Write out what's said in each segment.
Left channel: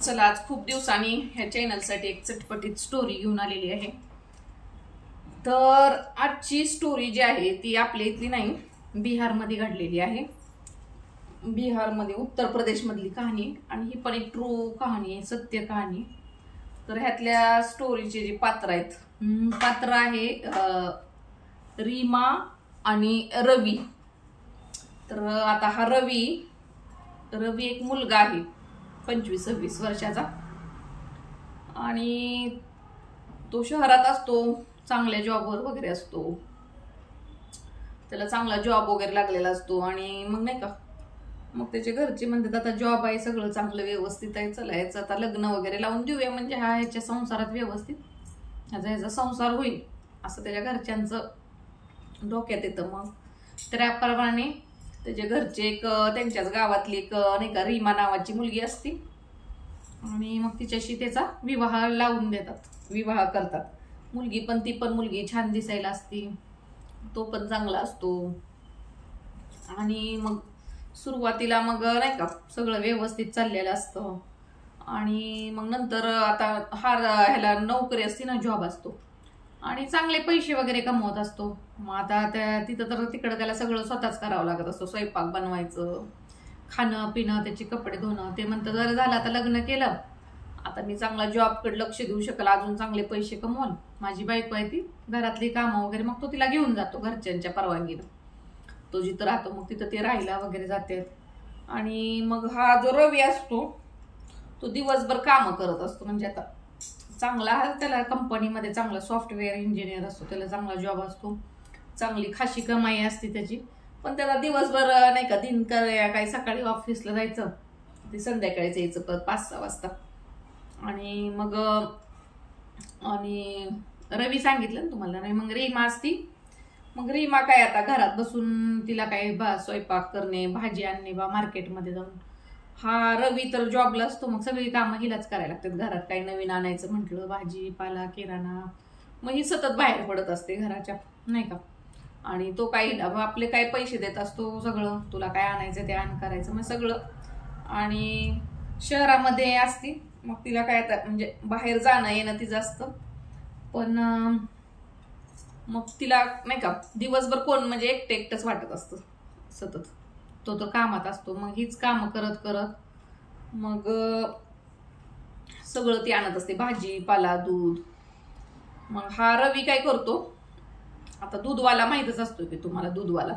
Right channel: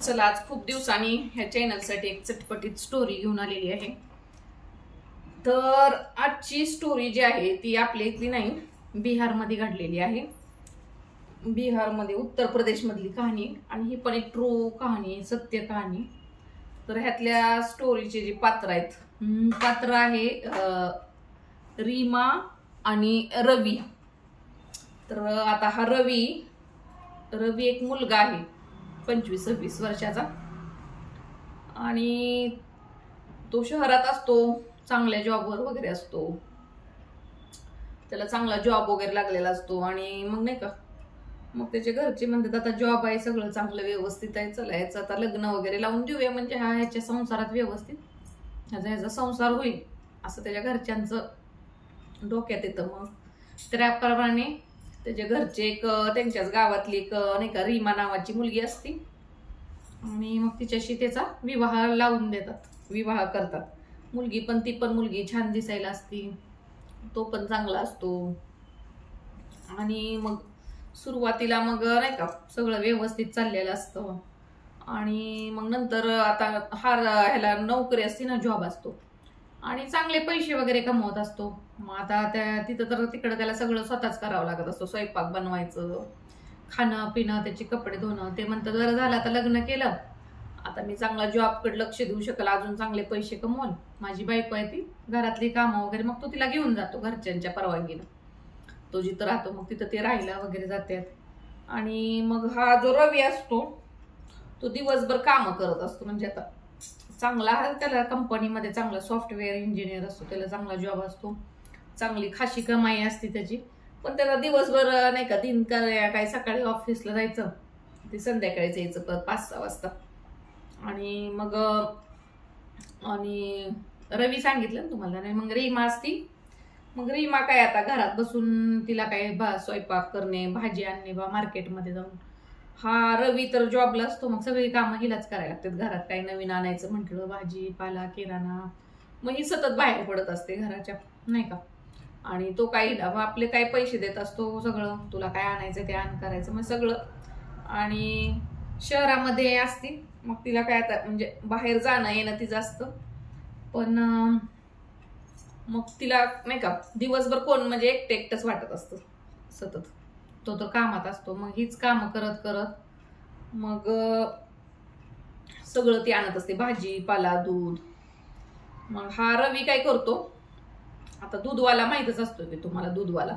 चला आज खूप दिवसांनी ह्या चॅनलसाठी एक चटपटीत स्टोरी घेऊन आलेली आहे। तर आजची स्टोरी जी आहे ती आपल्या इथली नाही, बिहारमध्ये घडलेली आहे। बिहारमध्ये उत्तर प्रदेश मधली कहाणी आणि ही पण एक ट्रू कहाणी आहे, सत्य कहाणी। तर ह्यातल्या स्टोरीचे जे पात्र आहेत, पात्र आहे रीमा आणि रवी। तर आता हा रवी एक मुलगा आहे 25-26 वर्षाचा आणि तो शहरात असतो, चांगल्या जॉबवर वगैरे असतो, त्याला चांगला जॉब वगैरे लागलेला असतो। आणि मग नाही का, मग त्याचे घरचे म्हणतात आता जॉब आहे, सगळं चांगलं व्यवस्थित आहे, चला याचं आता लग्न वगैरे लावून देऊया, म्हणजे हा ह्याच्या संसारात व्यवस्थित ह्याचा संसार होईल असं त्याच्या घरच्यांचं डोक्यात येतं। मग त्याप्रमाणे त्याच्या घरचे एक त्यांच्याच गावातली एक नाही का रीमा नावाची मुलगी असती आणि मग तिच्याशी त्याचा विवाह लावून देतात, विवाह करतात। मुलगी पण ती पण मुलगी छान दिसायला असती, तो पण चांगला असतो। आणि मग सुरुवातीला मग नाही का सगळं व्यवस्थित चाललेलं असतं आणि मग नंतर आता ह्याला नोकरी असते ना, जॉब असतो आणि चांगले पैसे वगैरे कमवत असतो। मग आता तिथं तर तिकडं त्याला सगळं स्वतःच करावं लागत असतो, स्वयंपाक बनवायचं, खाणं पिणं, त्याचे कपडे धुणं। ते म्हणतात बरं झालं आता लग्न केलं, आता मी चांगला जॉबकडे लक्ष देऊ शकेल, अजून चांगले पैसे कमवल, माझी बायको आहे ती घरातली कामं वगैरे। मग तो तिला घेऊन जातो घरच्यांच्या परवानगीनं, तो जिथं राहतो मग तिथं ते राहायला वगैरे जातात। आणि मग हा जो रवी असतो तो दिवसभर कामं करत असतो, म्हणजे आता चांगला त्याला कंपनीमध्ये चांगला सॉफ्टवेअर इंजिनियर असतो, त्याला चांगला जॉब असतो, चांगली खाशी कमाई असते त्याची। पण त्याला दिवसभर नाही का दिन काही सकाळी ऑफिसला जायचं, ते संध्याकाळीच यायचं परत 5-6 वाजता। आणि मग आणि रवी सांगितलं ना तुम्हाला, नाही मग रीमा असती, मग रीमा काय आता घरात बसून तिला काय स्वयंपाक करणे, भाजी आणणे बा मार्केटमध्ये जाऊन। हा रवी तर जॉबला असतो, मग सगळी कामं हिलाच करायला लागतात घरात, काही नवीन आणायचं म्हटलं, भाजी पाला किराणा, मग ही सतत बाहेर पडत असते घराच्या नाही का। आणि तो काही आपले काही पैसे देत असतो, सगळं तुला काय आणायचं ते आण करायचं मग सगळं। आणि शहरामध्ये असती, मग तिला काय आता म्हणजे बाहेर जाणं येणं तिचं असतं, पण मग तिला नाही का दिवसभर कोण म्हणजे एकटंच वाटत असतं सतत, तो तर कामात असतो। मग हीच कामं करत करत मग सगळं ती आणत असते, भाजी पाला दूध। मग हा रवी काय करतो, आता दूधवाला माहितच असतो की तुम्हाला, दूधवाला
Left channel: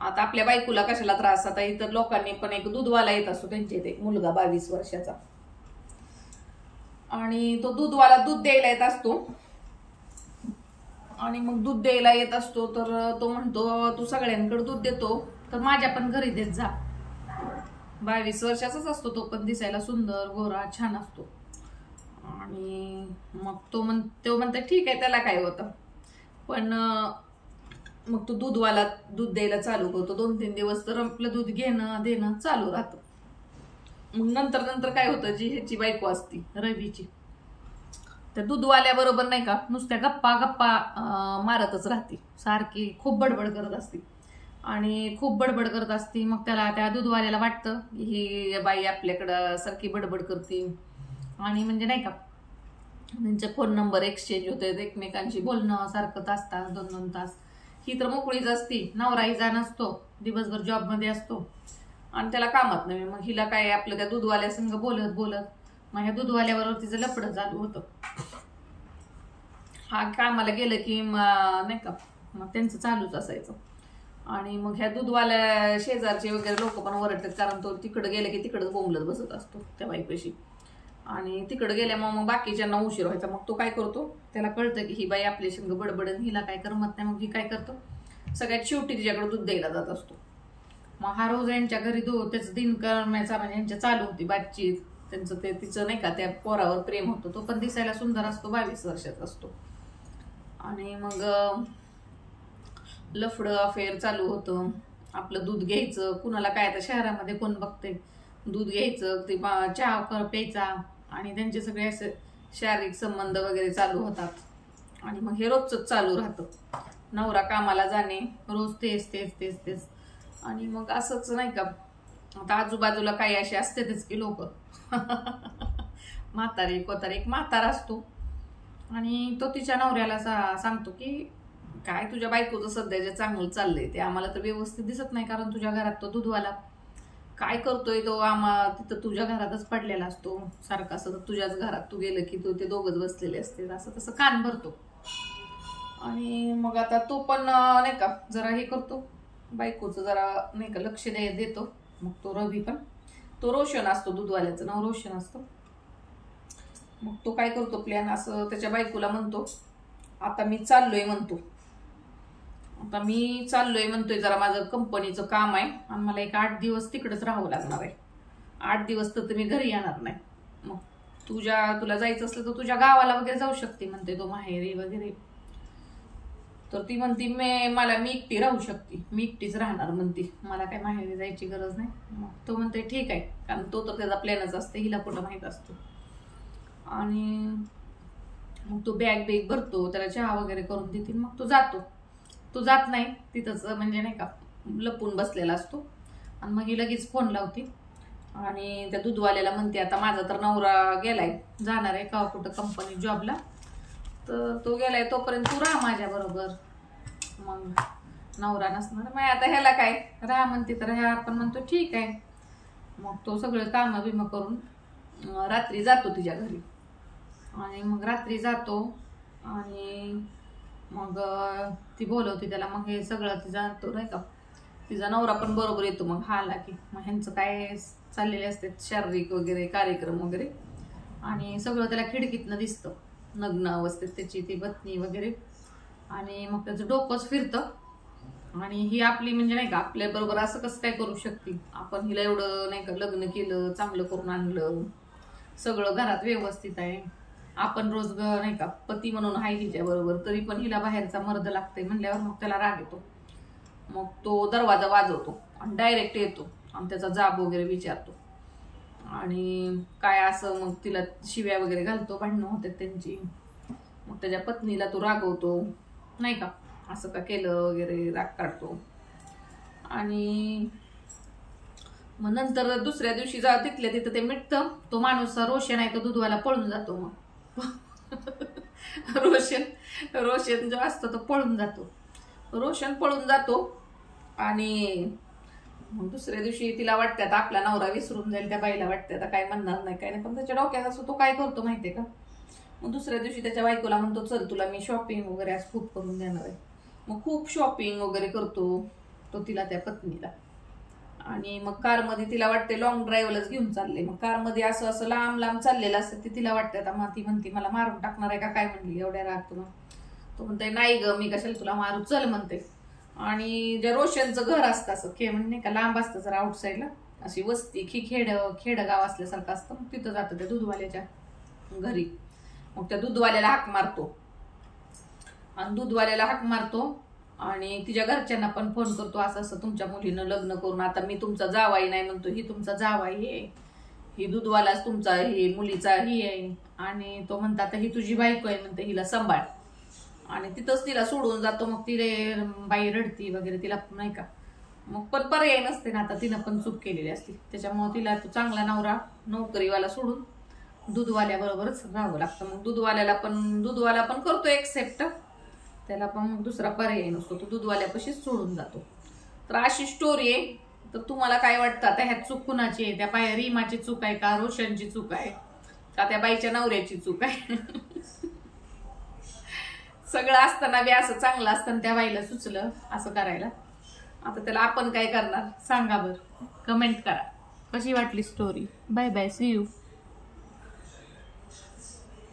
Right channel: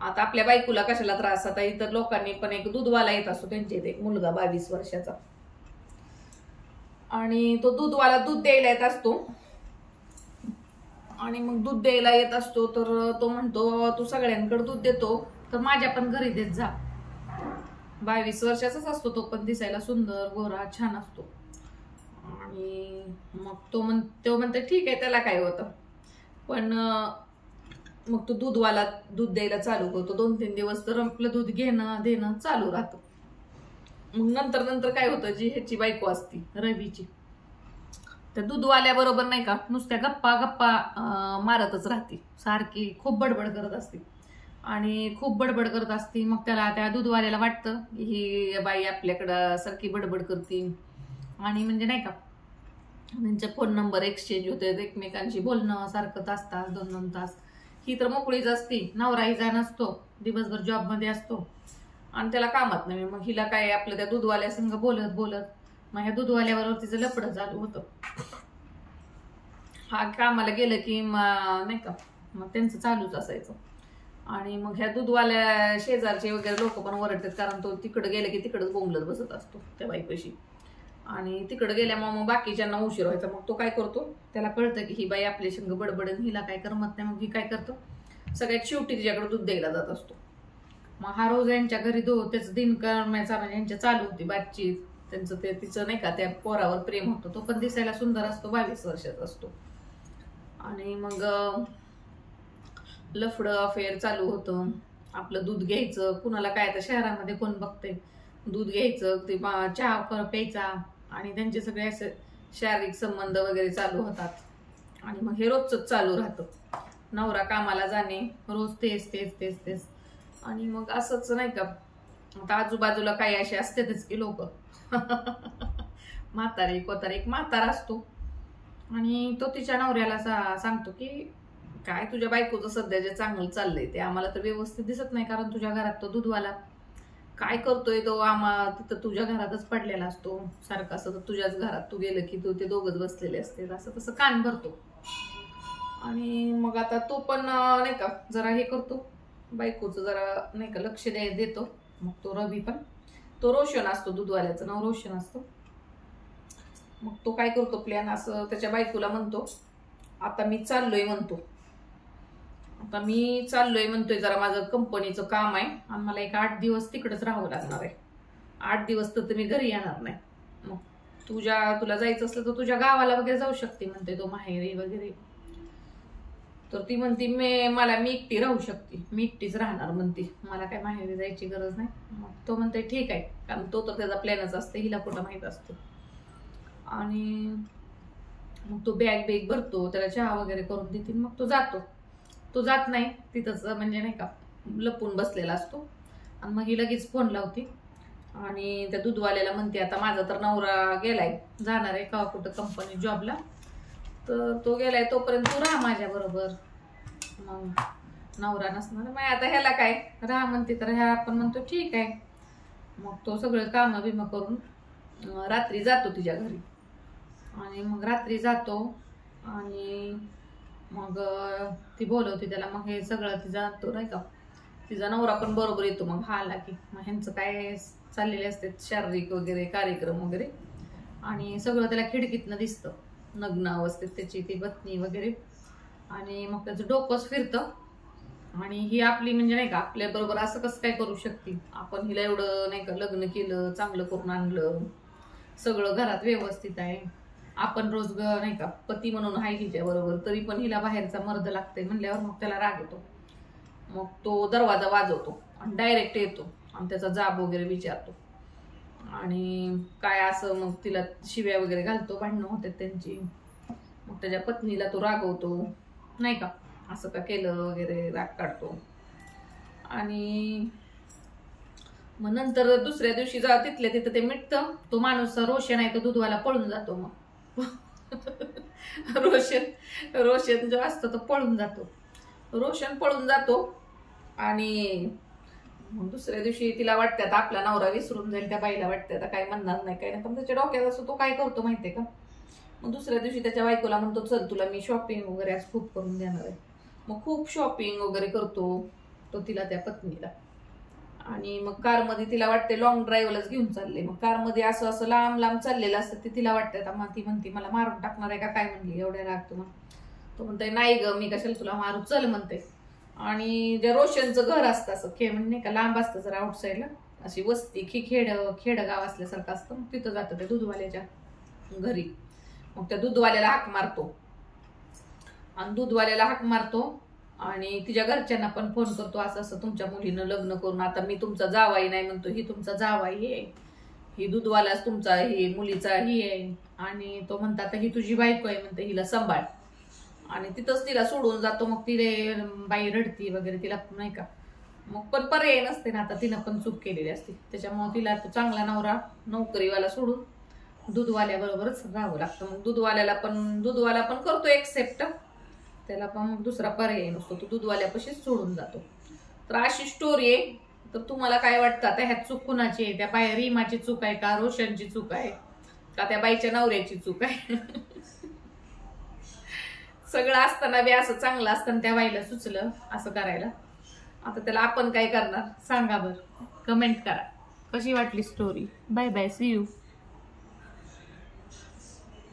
आता आपल्या बायकोला कशाला त्रास, आता इतर लोकांनी पण एक दूधवाला येत असतो त्यांच्या इथे, एक मुलगा 22 वर्षाचा, आणि तो दूधवाला दूध द्यायला येत असतो। आणि मग दूध द्यायला येत असतो तर तो म्हणतो तू सगळ्यांकडे दूध देतो तर माझ्या पण घरी देत जा। 22 वर्षाचाच असतो तो, पण दिसायला सुंदर गोरा छान असतो। आणि मग तो म्हणतो ठीक आहे, त्याला काय होतं। पण मग तो दूधवाला दूध द्यायला चालू करतो, 2-3 दिवस तर आपलं दूध घेणं देणं चालू राहतं। मग नंतर काय होतं, जी ह्याची बायको असती रवीची, त्या दूधवाल्या बरोबर नाही का नुसत्या गप्पा मारतच राहते, सारखी खूप बडबड करत असते आणि खूप बडबड करत असते। मग त्याला त्या दूधवाल्याला वाटतं ही बाई आपल्याकडं सारखी बडबड करते, आणि म्हणजे नाही का त्यांचे फोन नंबर एक्सचेंज होते, एकमेकांशी बोलणं सारखं तास 2-2 तास। ही तर मोकळीच असती, नवरा हिचा नसतो, दिवसभर जॉबमध्ये असतो आणि त्याला कामात नाही। मग हिला काय आपलं त्या दूधवाल्या संग बोलत मग ह्या दूधवाल्याबरोबर तिचं लफडं चालू होतं। हा कामाला गेलं की नाही का मग त्यांचं चालूच असायचं। आणि मग ह्या दूधवाल्या शेजारचे वगैरे लोक पण ओरडतात, कारण तो तिकडं गेलं की तिकडच बोंबलत बसत असतो त्या बाईपाशी, आणि तिकडं गेल्यामुळे मग बाकीच्यांना उशीर व्हायचा। मग तो काय करतो, त्याला कळतं की ही बाई आपल्या संग बडबडन, हिला काय करमत नाही, मग ही काय करतो सगळ्यात शेवटी तिच्याकडे दूध द्यायला जात असतो। मग हा रोज यांच्या घरी त्याचं दिन करण्याचा म्हणजे यांच्या चालू होती बातचीत, त्यांचं ते तिचं नाही का त्या पोरावर प्रेम होतं, तो पण दिसायला सुंदर असतो, 22 वर्षाचा असतो। आणि मग लफडं अफेअर चालू होतं, आपलं दूध घ्यायचं, कुणाला काय आता शहरामध्ये कोण बघते, दूध घ्यायचं, ते चहा प्यायचा, आणि त्यांचे सगळे असे शारीरिक संबंध वगैरे चालू होतात। आणि मग हे रोजच चालू राहतं, नवरा कामाला जाणे, रोज तेच। आणि मग असंच नाही का, आता आजूबाजूला काही असे असतेच की लोक म्हातारी कोतारी एक म्हातारा असतो आणि तो तिच्या नवऱ्याला सांगतो की काय तुझ्या बायकोचं सध्या जे चांगलं चाललंय ते आम्हाला तर व्यवस्थित दिसत नाही, कारण तुझ्या घरात तो दूधवाला काय करतोय तो तिथं तुझ्या घरातच पडलेला असतो सारखं, असं तुझ्याच घरात तू गेलं की तू ते दोघंच बसलेले असते, असं तसं कान भरतो. आणि मग आता तो पण नाही का जरा हे करतो, बायकोचं जरा नाही का लक्ष देतो. मग तो रवी पण, तो रोशन असतो, दूधवाल्याचं नाव रोशन असतं. मग तो काय करतो प्लॅन, असं त्याच्या बायकोला म्हणतो आता मी चाललोय म्हणतोय जरा माझं कंपनीचं काम आहे आणि मला एक 8 दिवस तिकडेच राहावं लागणार आहे. 8 दिवस तर मी घरी येणार नाही. मग तुला जायचं असलं तर तुझ्या गावाला वगैरे जाऊ शकते म्हणते तो, माहेरी वगैरे. तर ती म्हणती मी एकटी राहू शकते, मी एकटीच राहणार म्हणते, मला काय माहेरी जायची गरज नाही. मग तो म्हणते ठीक आहे, कारण तो तर त्याचा प्लॅनच असते, हिला कुठं माहित असतो. आणि मग तो बॅग भरतो, त्याला चहा वगैरे करून देतील. मग तो जात नाही तिथंच, म्हणजे नाही का लपून बसलेला असतो. आणि मग ही लगेच फोन लावते आणि त्या दूधवाल्याला म्हणते आता माझा तर नवरा गेलाय, जाणार आहे का कुठं कंपनी जॉबला, तर तो गेलाय तोपर्यंत तू राहा माझ्या बरोबर. मग नवरा नसणार, मग आता ह्याला काय राहा म्हणते, तर ह्या आपण म्हणतो ठीक आहे. मग तो सगळे कामं बिमं करून रात्री जातो तिच्या घरी. आणि मग रात्री जातो आणि मग ती बोलवते त्याला. मग हे सगळं तो नाही का तिचा नवरा पण बरोबर येतो. मग हा आला की मग ह्यांचं काय चाललेले असते शारीरिक वगैरे कार्यक्रम वगैरे, आणि सगळं त्याला खिडकीतनं दिसतं, नग्न अवस्थेत त्याची ती पत्नी वगैरे. आणि मग त्याचं डोकंच फिरतं. आणि ही आपली म्हणजे नाही का आपल्या बरोबर असं कसं काय करू शकते, आपण हिला एवढं नाही का लग्न केलं, चांगलं करून आणलं, सगळं घरात व्यवस्थित आहे, आपण रोज नाही का पती म्हणून आहे हिच्या बरोबर, तरी पण हिला बाहेरचा मर्द लागतंय म्हणल्यावर मग त्याला राग येतो. मग तो दरवाजा वाजवतो आणि डायरेक्ट येतो आणि त्याचा जाब वगैरे विचारतो. आणि काय असं मग तिला शिव्या वगैरे घालतो, भांडणं होते त्यांची. मग त्याच्या पत्नीला तो रागवतो, नाही का असं का केलं वगैरे, राग काढतो. आणि मग नंतर दुसऱ्या दिवशी तिथल्या तिथं ते मिटतं. तो माणूस रोशन आहे तो दूधवाला पळून जातो. मग रोशन जो असतो तो पळून जातो. रोशन पळून जातो. आणि मग दुसऱ्या दिवशी तिला वाटते आता आपला नवरा विसरून जाईल, त्या बाईला वाटते आता काय म्हणणार नाही काय नाही, पण त्याच्या डोक्यात असतो. तो काय करतो माहितीये का, मग दुसऱ्या दिवशी त्याच्या बायकोला म्हणतो चल तुला मी शॉपिंग वगैरे आज खूप करून देणार आहे. मग खूप शॉपिंग वगैरे करतो तो तिला, त्या पत्नीला. आणि मग कारमध्ये तिला वाटते लॉंग ड्राईव्हलाच घेऊन चालले. मग कारमध्ये असं असं लांब लांब चाललेलं असतं ते तिला वाटतं आता मग ती म्हणते मला मारून टाकणार आहे का काय, म्हणली एवढ्या राग तुम्हाला. तो म्हणते नाही ग मी कशाला तुला मारू, चल म्हणते. आणि ज्या रोशनचं घर असतं असं म्हणजे नाही का लांब असतं जरा आउटसाईडला, अशी वस्ती खेडगाव असल्यासारखं असतं. मग तिथं जातं त्या दूधवाल्याच्या घरी. मग त्या दूधवाल्याला हाक मारतो आणि तिच्या घरच्यांना पण फोन करतो, असं असं तुमच्या मुलीनं लग्न करून आता मी तुमचा जावाई नाही म्हणतो, ही तुमचा जावाई आहे, ही दूधवालाच तुमचा ही मुलीचा ही आहे. आणि तो म्हणता आता ही तुझी बायको आहे म्हणते, हिला सांभाळ. आणि तिथंच तिला सोडून जातो. मग तिने बाई रडती वगैरे, तिला नाही का मग पण पर्याय नसते ना, आता तिनं पण चूक केलेली असते. त्याच्यामुळे तिला तो चांगला नवरा नोकरीवाला सोडून दूधवाल्याबरोबरच राहावं लागतं. मग दूधवाला पण करतो एक्सेप्ट, त्याला पण मग दुसरा पर्याय नसतो, तो दूधवाल्यापाशीच सोडून जातो. तर अशी स्टोरी आहे. तर तुम्हाला काय वाटतं आता ह्यात चूक कुणाची आहे, त्या रीमाची चूक आहे का, रोशनची चूक आहे का, त्या बाईच्या नवऱ्याची चूक आहे? सगळं असताना बी असं चांगलं असताना त्या बाईला सुचलं असं करायला. आता त्याला आपण काय करणार सांगा बरं, कमेंट करा कशी वाटली story. Bye bye, see you.